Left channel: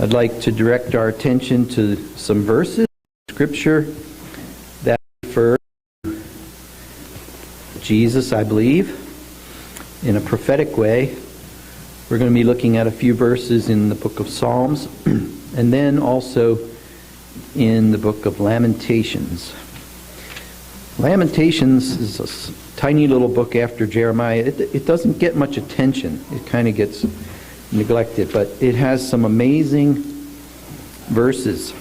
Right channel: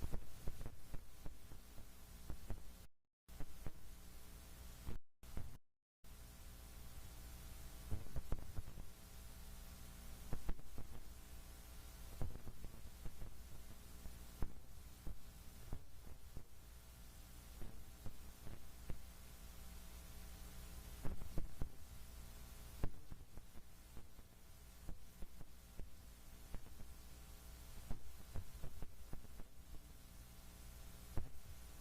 I'd like to direct our attention to some verses in Scripture that refer to Jesus, I believe, in a prophetic way. We're going to be looking at a few verses in the book of Psalms and then also in the book of Lamentations. Lamentations is a tiny little book after Jeremiah. It doesn't get much attention. It kind of gets neglected, but it has some amazing verses.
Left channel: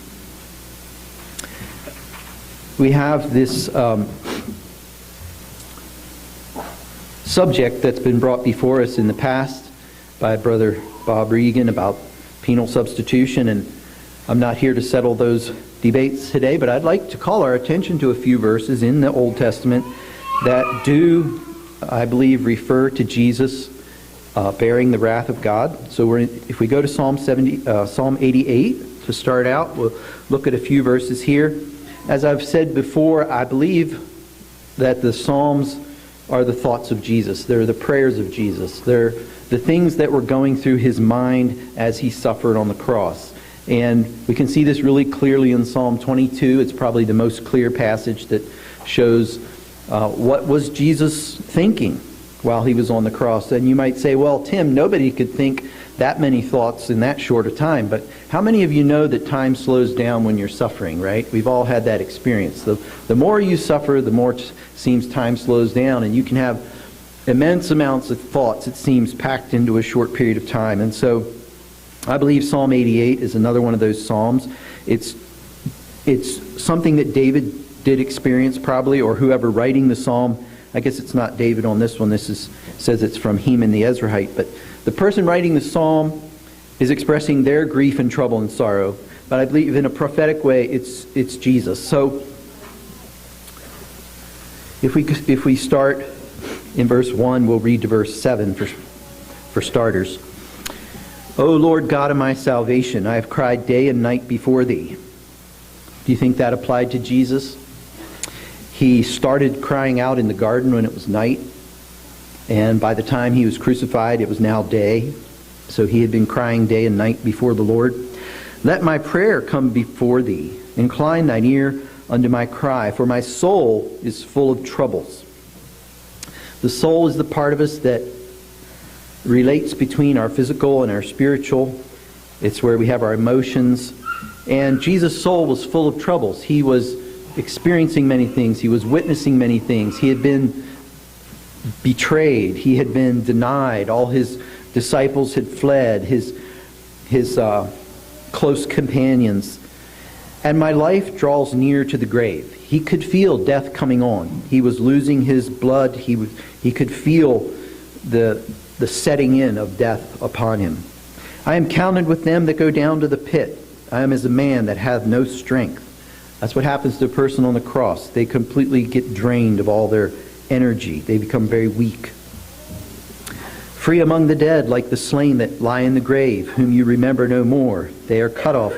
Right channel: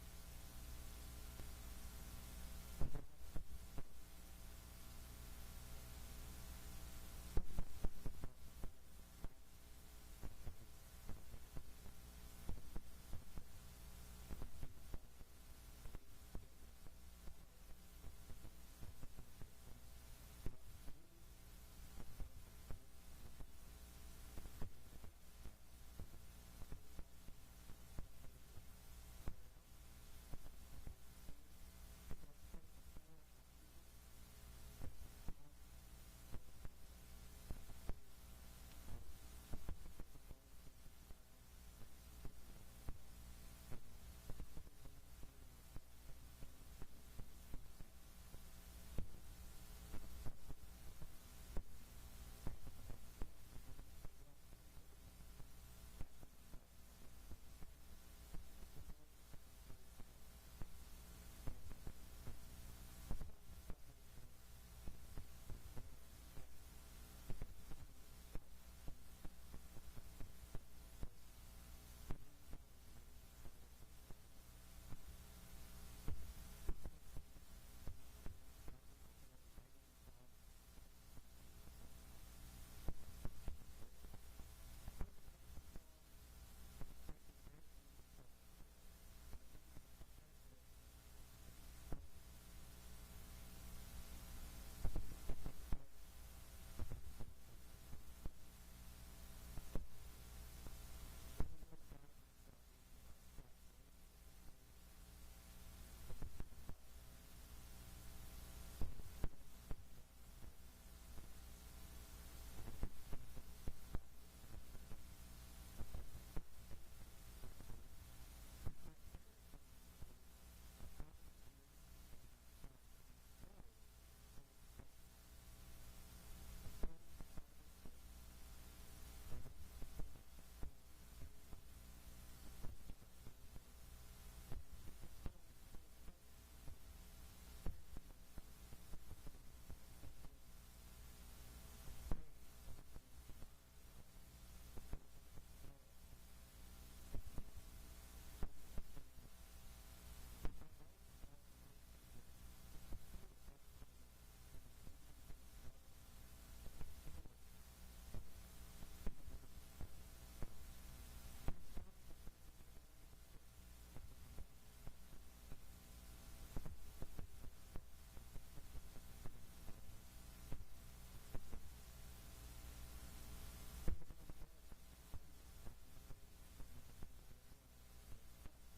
We have this subject that's been brought before us in the past by Brother Bob Regan about penal substitution, and I'm not here to settle those debates today, but I'd like to call our attention to a few verses in the Old Testament that do, I believe, refer to Jesus bearing the wrath of God. So if we go to Psalm 88 to start out, we'll look at a few verses here. As I've said before, I believe that the Psalms are the thoughts of Jesus. They're the prayers of Jesus. They're the things that were going through his mind as he suffered on the cross. And we can see this really clearly in Psalm 22. It's probably the most clear passage that shows what was Jesus thinking while he was on the cross. And you might say, well, Tim, nobody could think that many thoughts in that short a time. But how many of you know that time slows down when you're suffering, right? We've all had that experience. The more you suffer, the more it seems time slows down. And you can have immense amounts of thoughts, it seems, packed into a short period of time. And so I believe Psalm 88 is another one of those psalms. It's something that David did experience probably, or whoever writing the psalm. I guess it's not David on this one. Says it's from Heman the Ezrahite. But the person writing the psalm is expressing their grief and trouble and sorrow. But I believe in a prophetic way, it's Jesus. So if we start in verse 1, we'll read to verse 7 for starters. O Lord God of my salvation, I have cried day and night before thee. Do you think that applied to Jesus? He started crying out in the garden when it was night, and by the time he was crucified, it was now day. So he had been crying day and night before the Lord. Let my prayer come before thee. Incline thine ear unto my cry, for my soul is full of troubles. The soul is the part of us that relates between our physical and our spiritual. It's where we have our emotions. And Jesus' soul was full of troubles. He was experiencing many things. He was witnessing many things. He had been betrayed. He had been denied. All his disciples had fled. His close companions. And my life draws near to the grave. He could feel death coming on. He was losing his blood. He could feel the setting in of death upon him. I am counted with them that go down to the pit. I am as a man that hath no strength. That's what happens to a person on the cross. They completely get drained of all their energy. They become very weak. Free among the dead, like the slain that lie in the grave, whom you remember no more. They are cut off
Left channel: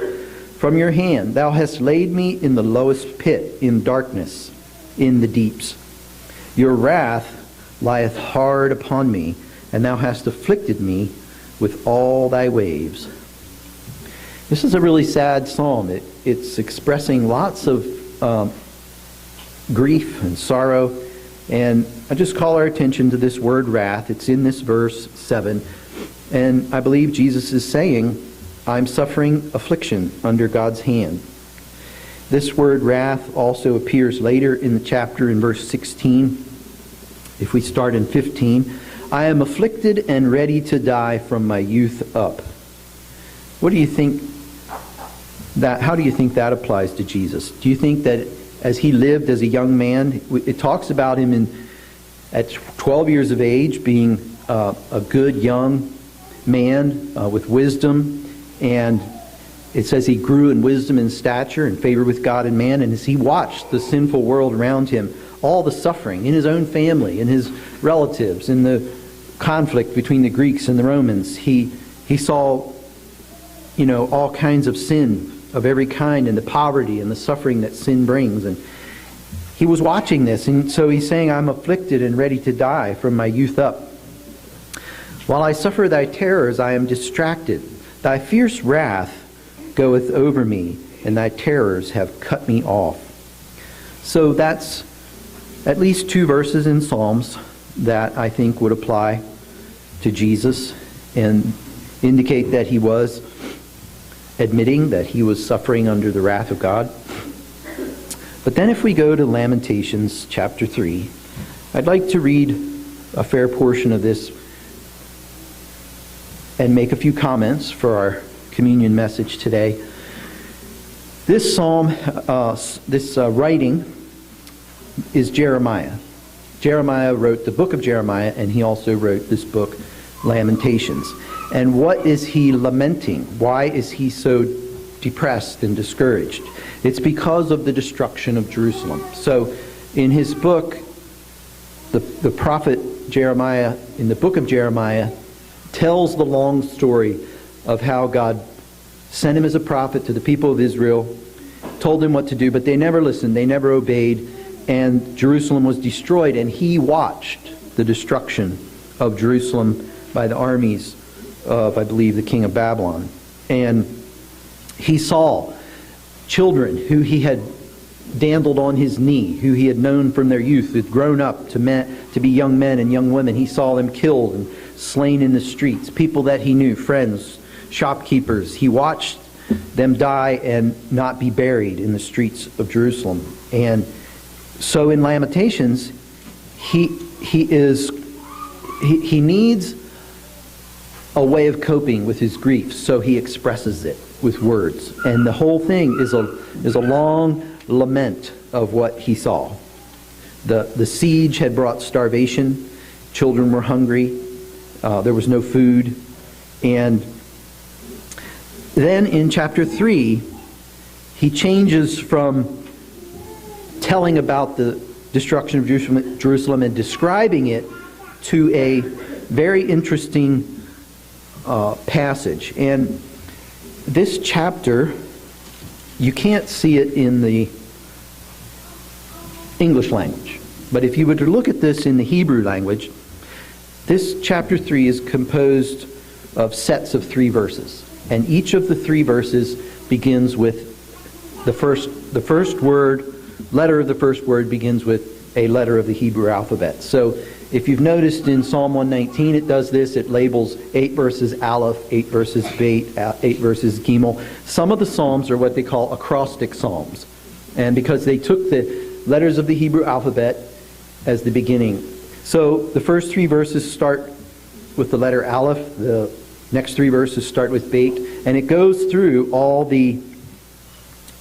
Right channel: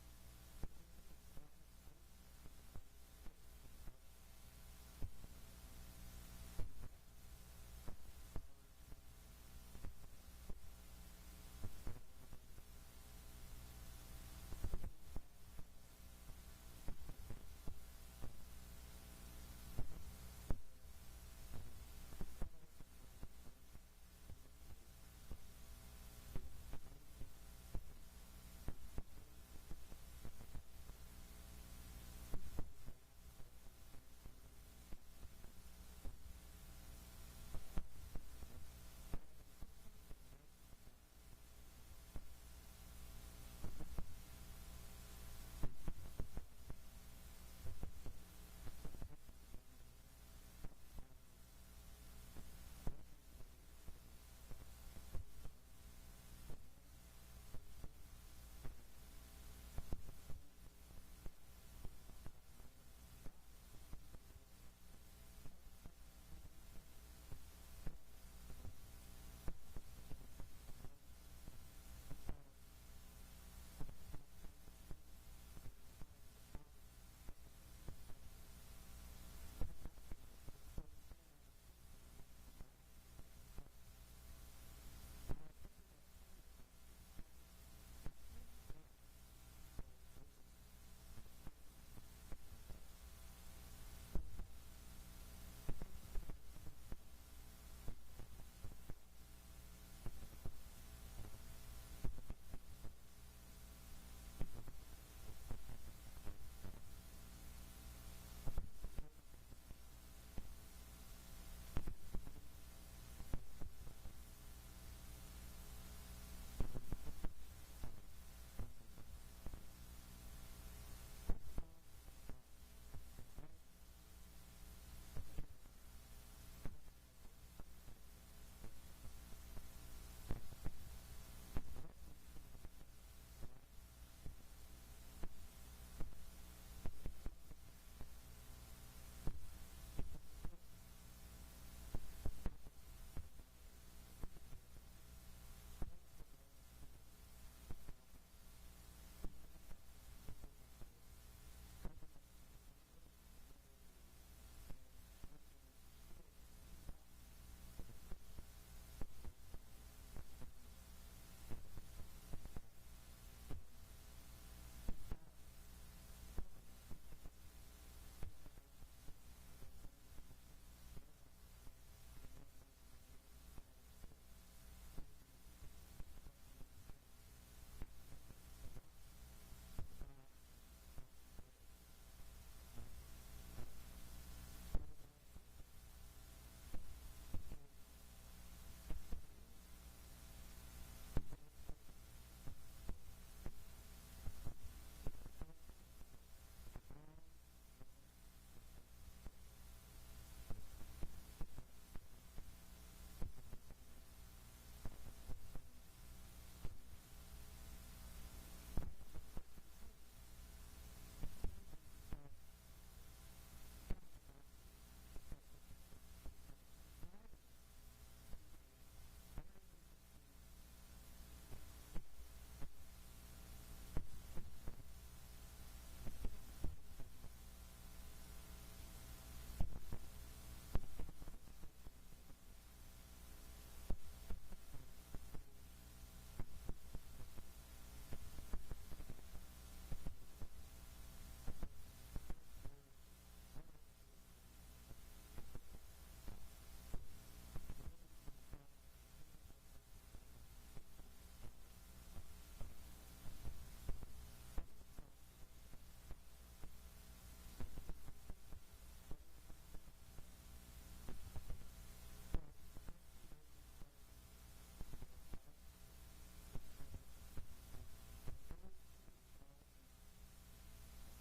from your hand. Thou hast laid me in the lowest pit, in darkness, in the deeps. Your wrath lieth hard upon me, and thou hast afflicted me with all thy waves. This is a really sad psalm. It's expressing lots of grief and sorrow. And I just call our attention to this word wrath. It's in this verse 7. And I believe Jesus is saying, I'm suffering affliction under God's hand. This word wrath also appears later in the chapter in verse 16. If we start in 15, I am afflicted and ready to die from my youth up. What do you think how do you think that applies to Jesus? Do you think that as he lived as a young man, it talks about him at 12 years of age being a good young man with wisdom, and it says he grew in wisdom and stature and favor with God and man, and as he watched the sinful world around him, all the suffering in his own family, in his relatives, in the conflict between the Greeks and the Romans, he saw, all kinds of sin of every kind, and the poverty and the suffering that sin brings. And he was watching this, and so he's saying, I'm afflicted and ready to die from my youth up. While I suffer thy terrors, I am distracted. Thy fierce wrath goeth over me, and thy terrors have cut me off. So that's at least 2 verses in Psalms that I think would apply to Jesus and indicate that he was admitting that he was suffering under the wrath of God. But then if we go to Lamentations chapter 3, I'd like to read a fair portion of this and make a few comments for our communion message today. This psalm, writing is Jeremiah. Jeremiah wrote the book of Jeremiah, and he also wrote this book, Lamentations. And what is he lamenting? Why is he so depressed and discouraged? It's because of the destruction of Jerusalem. So in his book, the prophet Jeremiah, in the book of Jeremiah, tells the long story of how God sent him as a prophet to the people of Israel, told them what to do, but they never listened, they never obeyed, and Jerusalem was destroyed, and he watched the destruction of Jerusalem by the armies of, I believe, the king of Babylon. And he saw children who he had dandled on his knee, who he had known from their youth, had grown up to be young men and young women. He saw them killed and slain in the streets. People that he knew, friends, shopkeepers. He watched them die and not be buried in the streets of Jerusalem. And so in Lamentations, he needs a way of coping with his grief, so he expresses it with words. And the whole thing is a long lament of what he saw. The siege had brought starvation. Children were hungry. There was no food. And then in chapter 3, he changes from telling about the destruction of Jerusalem and describing it to a very interesting passage. And this chapter, you can't see it in the English language. But if you were to look at this in the Hebrew language, this chapter 3 is composed of sets of 3 verses. And each of the 3 verses begins with the first word, letter of the first word begins with a letter of the Hebrew alphabet. So if you've noticed in Psalm 119, it does this. It labels 8 verses Aleph, 8 verses Beit, 8 verses Gimel. Some of the Psalms are what they call Acrostic Psalms. And because they took the letters of the Hebrew alphabet as the beginning. So the first 3 verses start with the letter Aleph. The next 3 verses start with Beit. And it goes through all the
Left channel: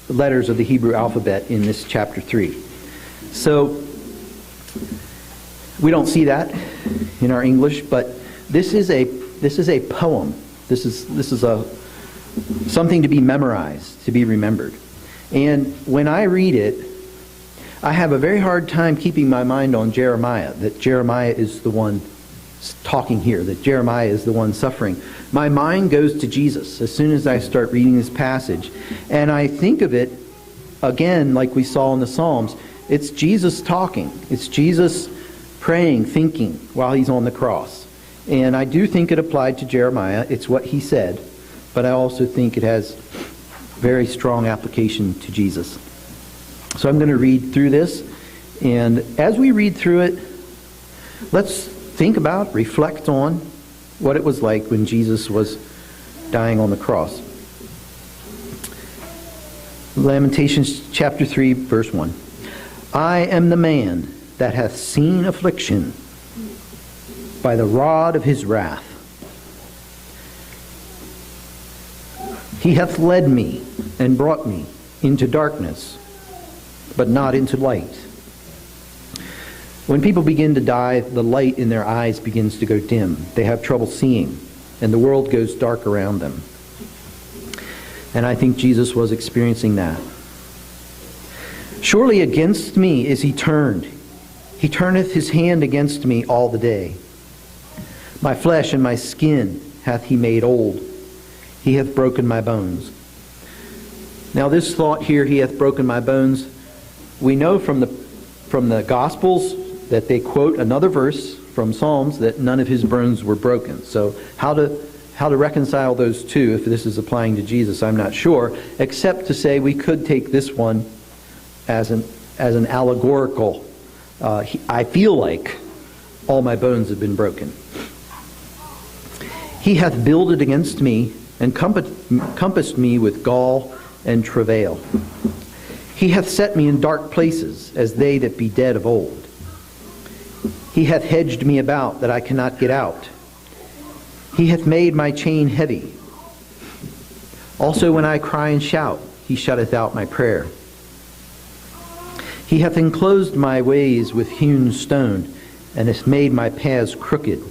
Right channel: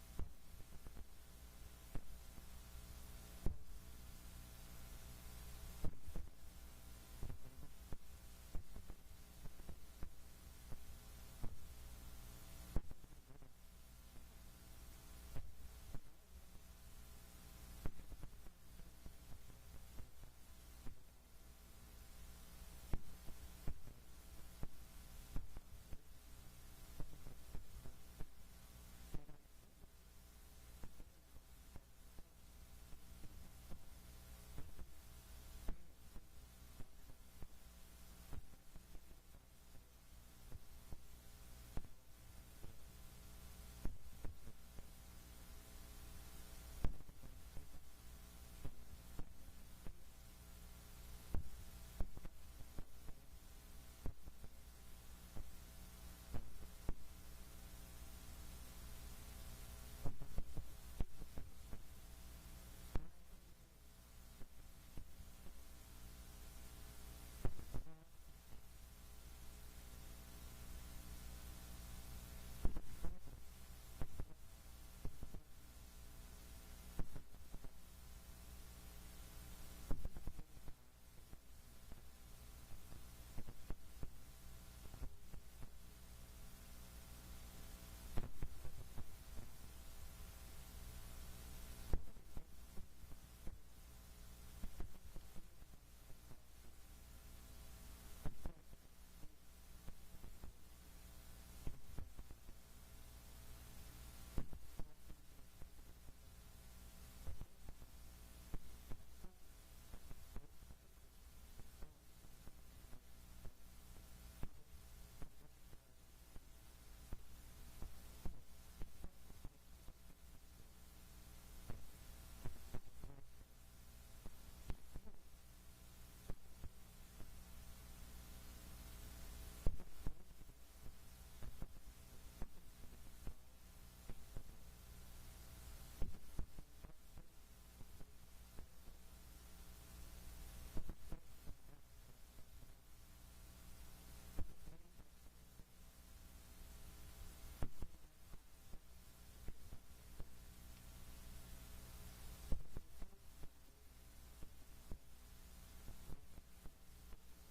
letters of the Hebrew alphabet in this chapter 3. So we don't see that in our English, but this is a poem. This is something to be memorized, to be remembered. And when I read it, I have a very hard time keeping my mind on Jeremiah, that Jeremiah is the one talking here, that Jeremiah is the one suffering. My mind goes to Jesus as soon as I start reading this passage. And I think of it, again, like we saw in the Psalms, it's Jesus talking. It's Jesus praying, thinking while he's on the cross. And I do think it applied to Jeremiah. It's what he said. But I also think it has very strong application to Jesus. So I'm going to read through this. And as we read through it, let's think about, reflect on what it was like when Jesus was dying on the cross. Lamentations chapter 3, verse 1. I am the man that hath seen affliction by the rod of his wrath. He hath led me and brought me into darkness, but not into light. When people begin to die, the light in their eyes begins to go dim. They have trouble seeing, and the world goes dark around them. And I think Jesus was experiencing that. Surely against me is he turned. He turneth his hand against me all the day. My flesh and my skin hath he made old. He hath broken my bones. Now this thought here, he hath broken my bones, we know from the Gospels that they quote another verse from Psalms that none of his bones were broken. So how how to reconcile those two, if this is applying to Jesus, I'm not sure, except to say we could take this one as an allegorical. I feel like all my bones have been broken. He hath builded against me and compassed me with gall and travail. He hath set me in dark places, as they that be dead of old. He hath hedged me about, that I cannot get out. He hath made my chain heavy. Also when I cry and shout, he shutteth out my prayer. He hath enclosed my ways with hewn stone, and hath made my paths crooked.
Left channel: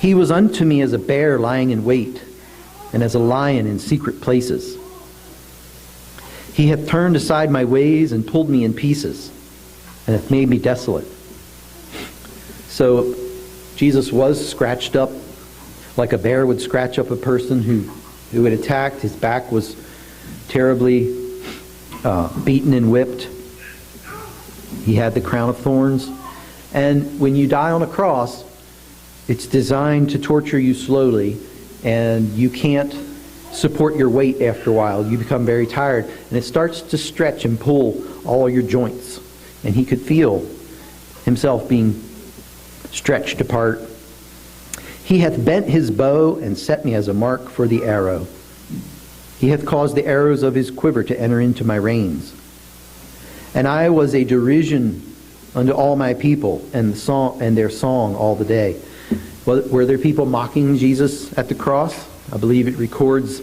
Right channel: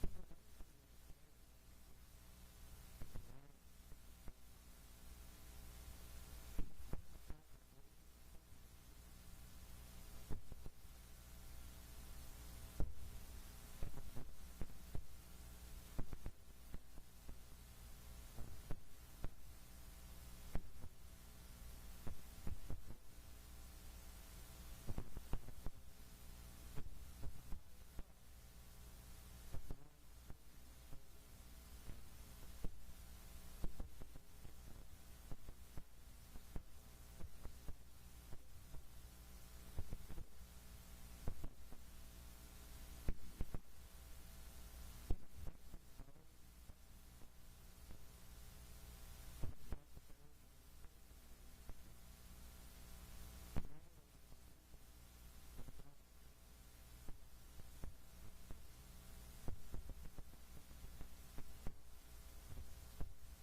He was unto me as a bear lying in wait, and as a lion in secret places. He hath turned aside my ways and pulled me in pieces, and hath made me desolate. So Jesus was scratched up like a bear would scratch up a person who had attacked. His back was terribly beaten and whipped. He had the crown of thorns. And when you die on a cross, it's designed to torture you slowly, and you can't support your weight after a while. You become very tired, and it starts to stretch and pull all your joints. And he could feel himself being stretched apart. He hath bent his bow and set me as a mark for the arrow. He hath caused the arrows of his quiver to enter into my reins. And I was a derision unto all my people, and their song all the day. Well, were there people mocking Jesus at the cross? I believe it records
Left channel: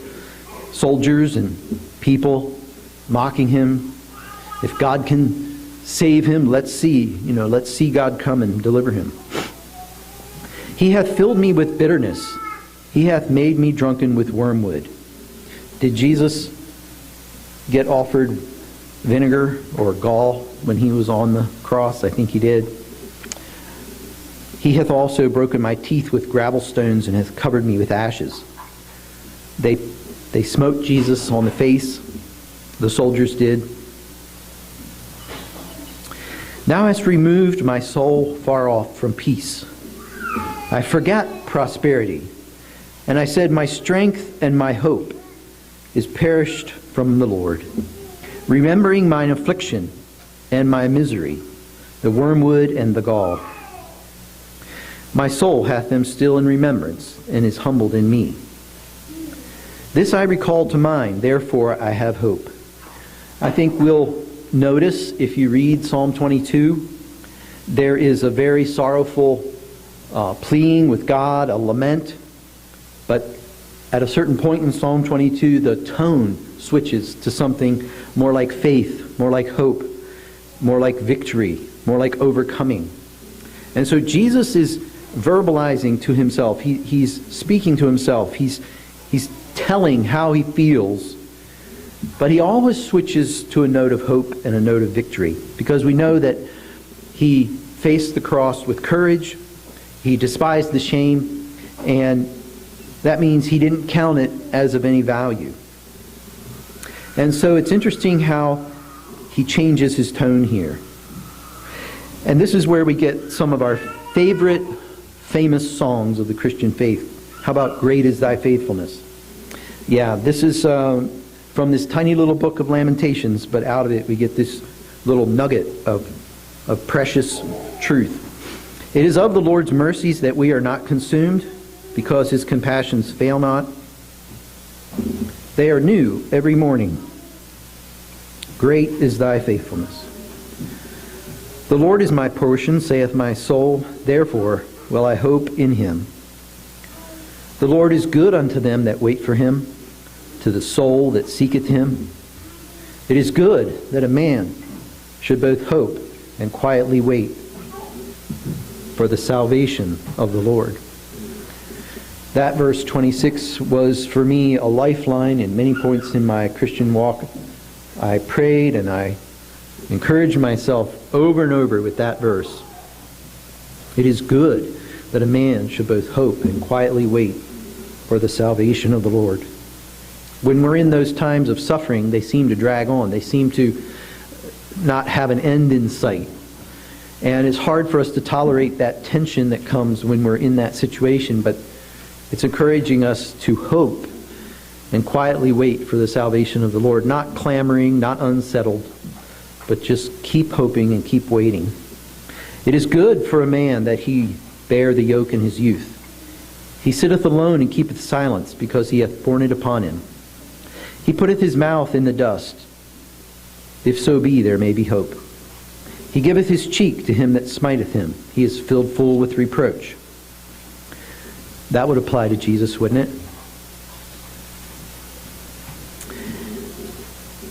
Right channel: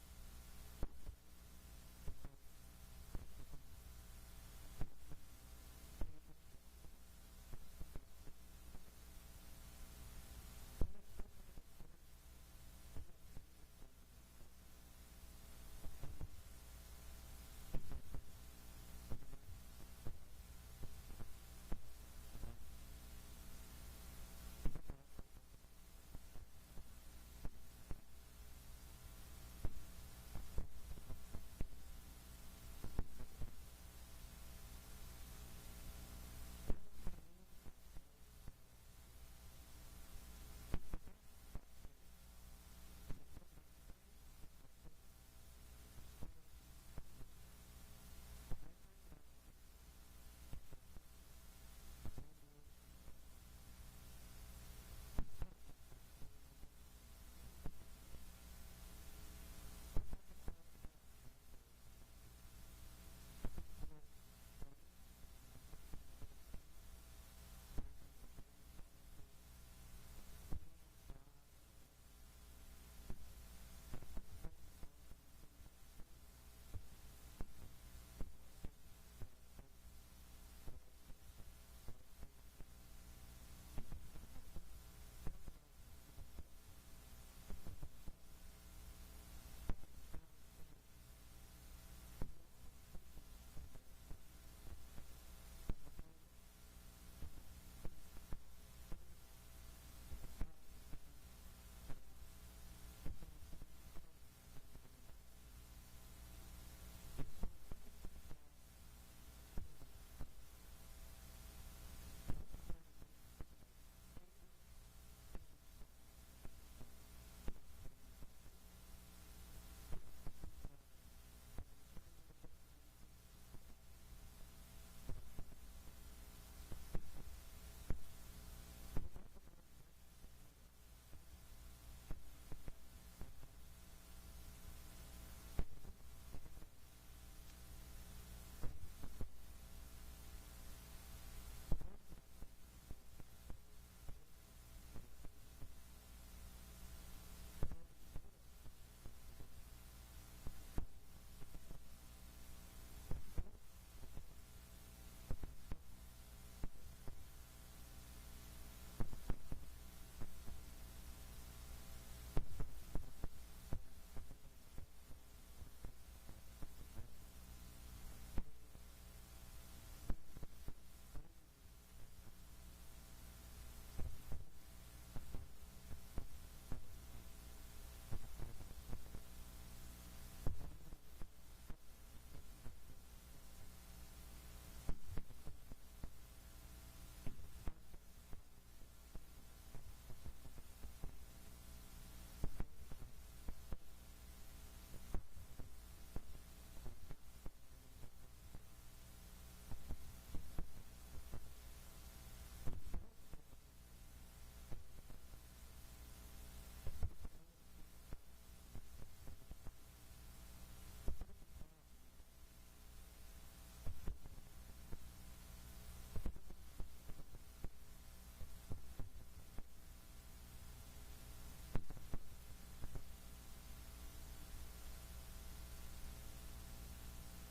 soldiers and people mocking him. If God can save him, let's see God come and deliver him. He hath filled me with bitterness. He hath made me drunken with wormwood. Did Jesus get offered vinegar or gall when he was on the cross? I think he did. He hath also broken my teeth with gravel stones, and hath covered me with ashes. They smote Jesus on the face. The soldiers did. Thou hast removed my soul far off from peace. I forgot prosperity. And I said, my strength and my hope is perished from the Lord. Remembering mine affliction and my misery, the wormwood and the gall. My soul hath them still in remembrance, and is humbled in me. This I recall to mind, therefore I have hope. I think we'll notice, if you read Psalm 22, there is a very sorrowful pleading with God, a lament. But at a certain point in Psalm 22, the tone switches to something more like faith, more like hope, more like victory, more like overcoming. And so Jesus is verbalizing to himself. He's speaking to himself. He's telling how he feels. But he always switches to a note of hope and a note of victory, because we know that he faced the cross with courage. He despised the shame, and that means he didn't count it as of any value. And so it's interesting how he changes his tone here. And this is where we get some of our favorite famous songs of the Christian faith. How about Great is Thy Faithfulness? Yeah, this is from this tiny little book of Lamentations, but out of it we get this little nugget of precious truth. It is of the Lord's mercies that we are not consumed, because his compassions fail not. They are new every morning. Great is thy faithfulness. The Lord is my portion, saith my soul, therefore will I hope in him. The Lord is good unto them that wait for him, to the soul that seeketh him. It is good that a man should both hope and quietly wait for the salvation of the Lord. That verse 26 was for me a lifeline in many points in my Christian walk. I prayed and I encouraged myself over and over with that verse. It is good that a man should both hope and quietly wait for the salvation of the Lord. When we're in those times of suffering, they seem to drag on. They seem to not have an end in sight. And it's hard for us to tolerate that tension that comes when we're in that situation. But It's encouraging us to hope and quietly wait for the salvation of the Lord, not clamoring, not unsettled, but just keep hoping and keep waiting. It is good for a man that he bear the yoke in his youth. He sitteth alone and keepeth silence, because he hath borne it upon him. He putteth his mouth in the dust. If so be, there may be hope. He giveth his cheek to him that smiteth him. He is filled full with reproach. That would apply to Jesus, wouldn't it?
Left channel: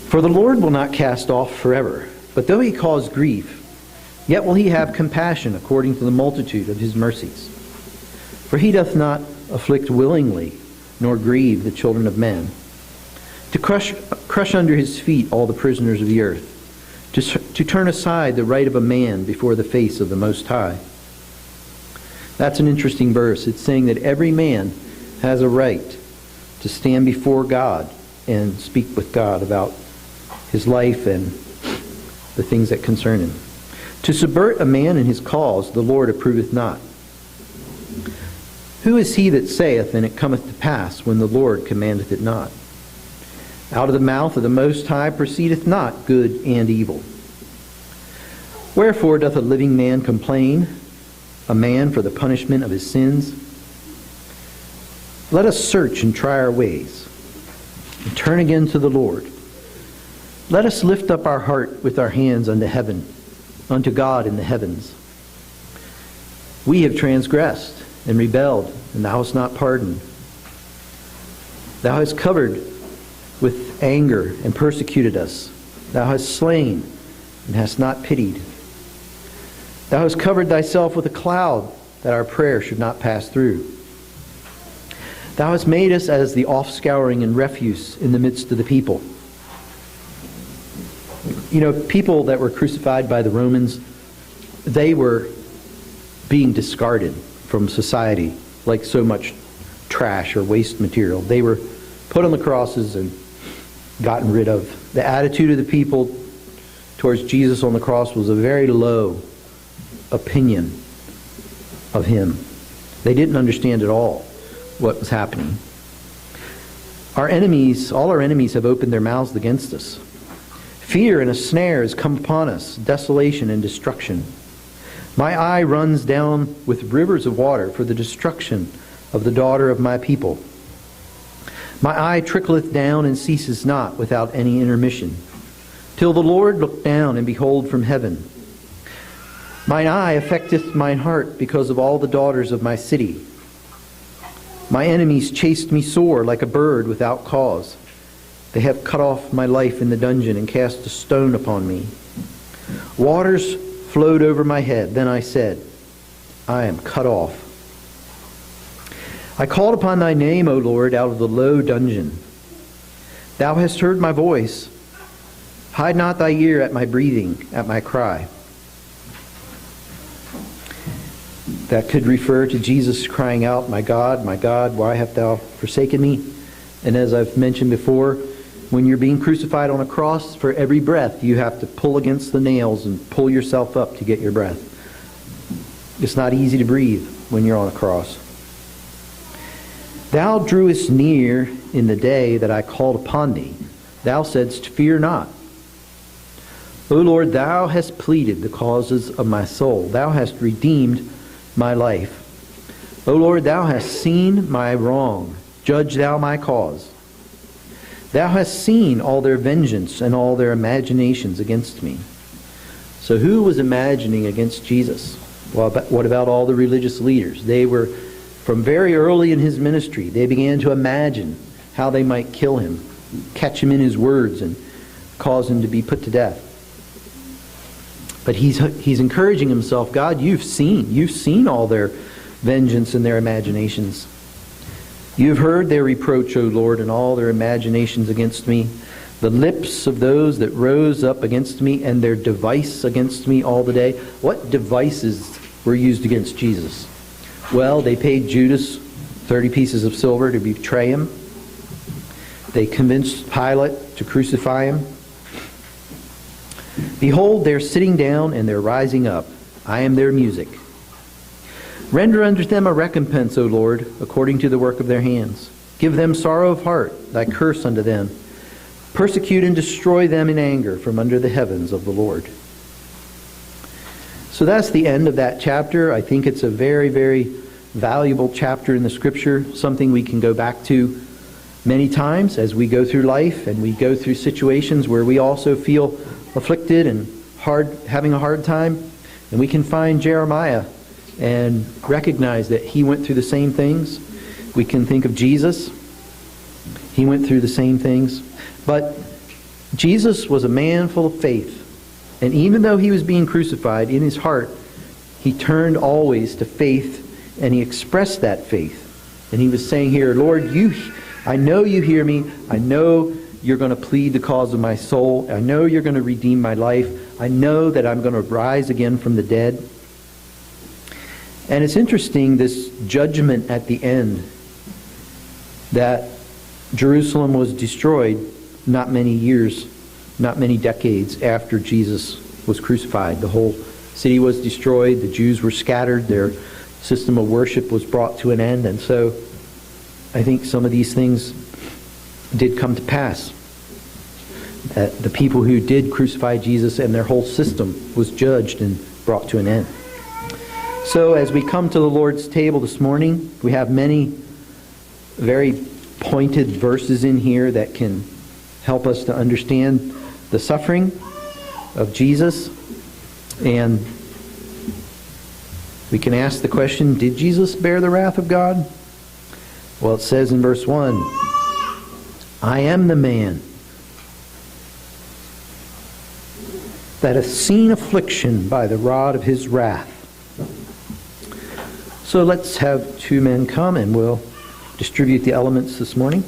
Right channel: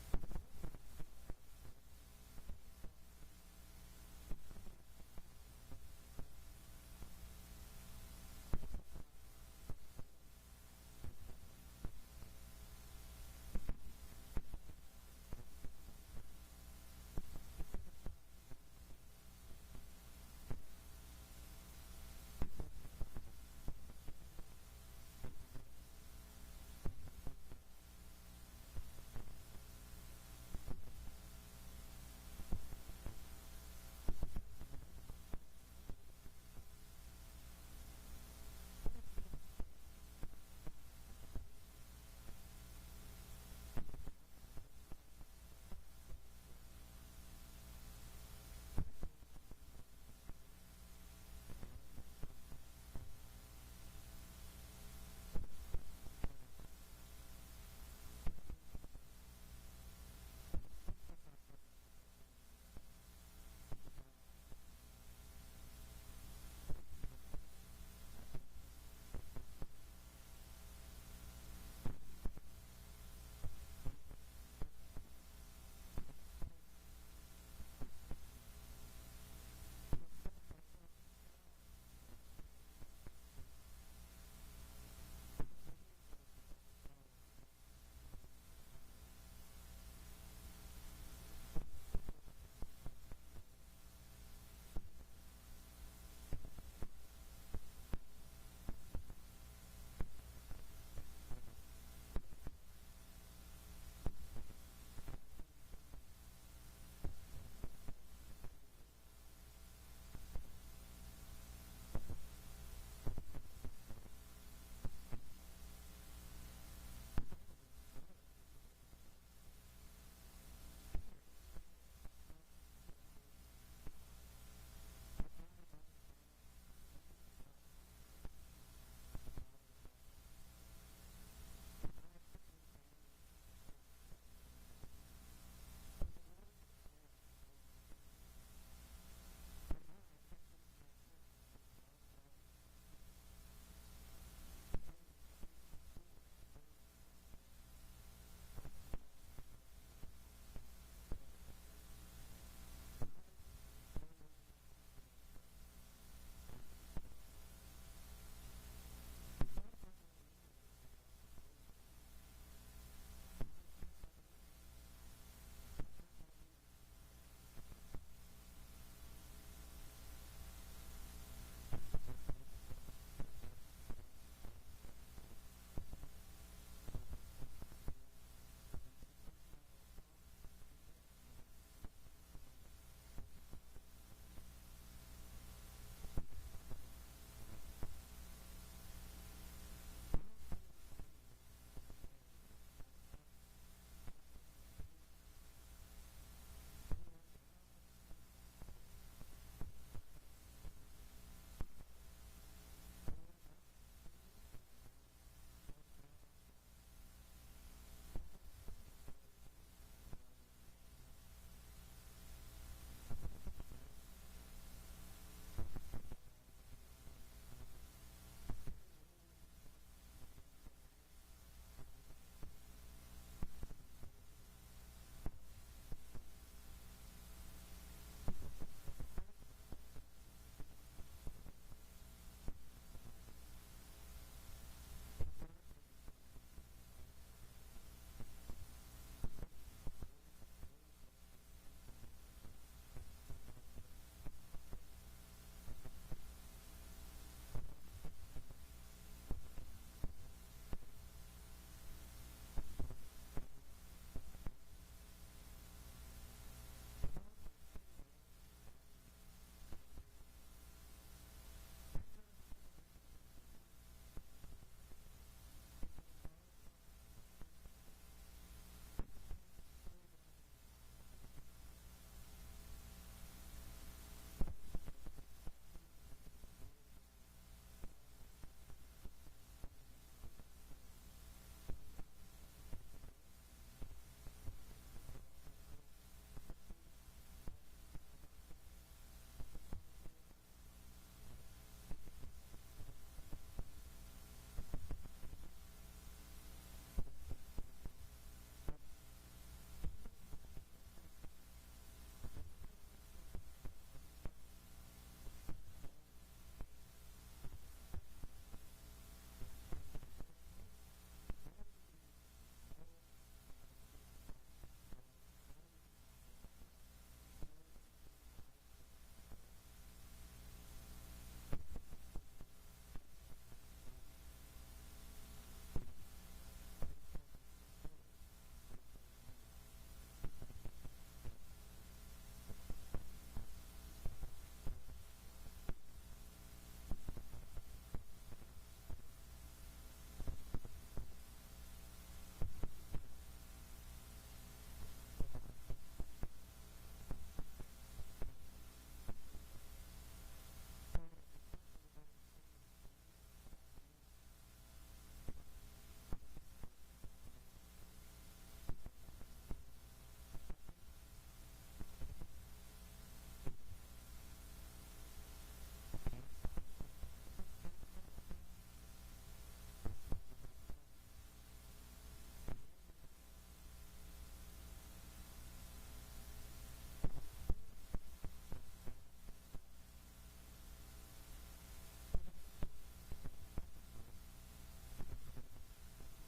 For the Lord will not cast off forever, but though he cause grief, yet will he have compassion according to the multitude of his mercies. For he doth not afflict willingly, nor grieve the children of men, to crush under his feet all the prisoners of the earth, to turn aside the right of a man before the face of the Most High. That's an interesting verse. It's saying that every man has a right to stand before God and speak with God about his life and the things that concern him. To subvert a man in his cause, the Lord approveth not. Who is he that saith, and it cometh to pass, when the Lord commandeth it not? Out of the mouth of the Most High proceedeth not good and evil. Wherefore doth a living man complain, a man for the punishment of his sins? Let us search and try our ways, and turn again to the Lord. Let us lift up our heart with our hands unto heaven, unto God in the heavens. We have transgressed and rebelled, and thou hast not pardoned. Thou hast covered with anger and persecuted us. Thou hast slain and hast not pitied. Thou hast covered thyself with a cloud, that our prayer should not pass through. Thou hast made us as the offscouring and refuse in the midst of the people. You know, people that were crucified by the Romans, they were being discarded from society like so much trash or waste material. They were put on the crosses and gotten rid of. The attitude of the people towards Jesus on the cross was a very low opinion of him. They didn't understand at all what was happening. Our enemies, all our enemies, have opened their mouths against us. Fear and a snare has come upon us, desolation and destruction. My eye runs down with rivers of water for the destruction of the daughter of my people. My eye trickleth down and ceases not without any intermission, till the Lord look down and behold from heaven. Mine eye affecteth mine heart because of all the daughters of my city. My enemies chased me sore like a bird without cause. They have cut off my life in the dungeon and cast a stone upon me. Waters flowed over my head. Then I said, I am cut off. I called upon thy name, O Lord, out of the low dungeon. Thou hast heard my voice. Hide not thy ear at my breathing, at my cry. That could refer to Jesus crying out, my God, why hast thou forsaken me? And as I've mentioned before, when you're being crucified on a cross, for every breath, you have to pull against the nails and pull yourself up to get your breath. It's not easy to breathe when you're on a cross. Thou drewest near in the day that I called upon thee. Thou saidst, fear not. O Lord, thou hast pleaded the causes of my soul. Thou hast redeemed my life. O Lord, thou hast seen my wrong. Judge thou my cause. Thou hast seen all their vengeance and all their imaginations against me. So who was imagining against Jesus? Well, what about all the religious leaders? They were, from very early in his ministry, they began to imagine how they might kill him, catch him in his words, and cause him to be put to death. But he's encouraging himself, God, you've seen all their vengeance and their imaginations. You've heard their reproach, O Lord, and all their imaginations against me. The lips of those that rose up against me, and their device against me all the day. What devices were used against Jesus? Well, they paid Judas 30 pieces of silver to betray him. They convinced Pilate to crucify him. Behold, they're sitting down and they're rising up. I am their music. Render unto them a recompense, O Lord, according to the work of their hands. Give them sorrow of heart, thy curse unto them. Persecute and destroy them in anger from under the heavens of the Lord. So that's the end of that chapter. I think it's a very, very valuable chapter in the Scripture, something we can go back to many times as we go through life and we go through situations where we also feel afflicted and having a hard time. And we can find Jeremiah and recognize that he went through the same things. We can think of Jesus. He went through the same things. But Jesus was a man full of faith. And even though he was being crucified, in his heart, he turned always to faith, and he expressed that faith. And he was saying here, Lord, I know you hear me. I know you're going to plead the cause of my soul. I know you're going to redeem my life. I know that I'm going to rise again from the dead. And it's interesting, this judgment at the end, that Jerusalem was destroyed not many decades after Jesus was crucified. The whole city was destroyed. The Jews were scattered. Their system of worship was brought to an end. And so I think some of these things did come to pass. The people who did crucify Jesus and their whole system was judged and brought to an end. So as we come to the Lord's table this morning, we have many very pointed verses in here that can help us to understand the suffering of Jesus. And we can ask the question, did Jesus bear the wrath of God? Well, it says in verse 1, I am the man that hath seen affliction by the rod of his wrath. So let's have two men come and we'll distribute the elements this morning.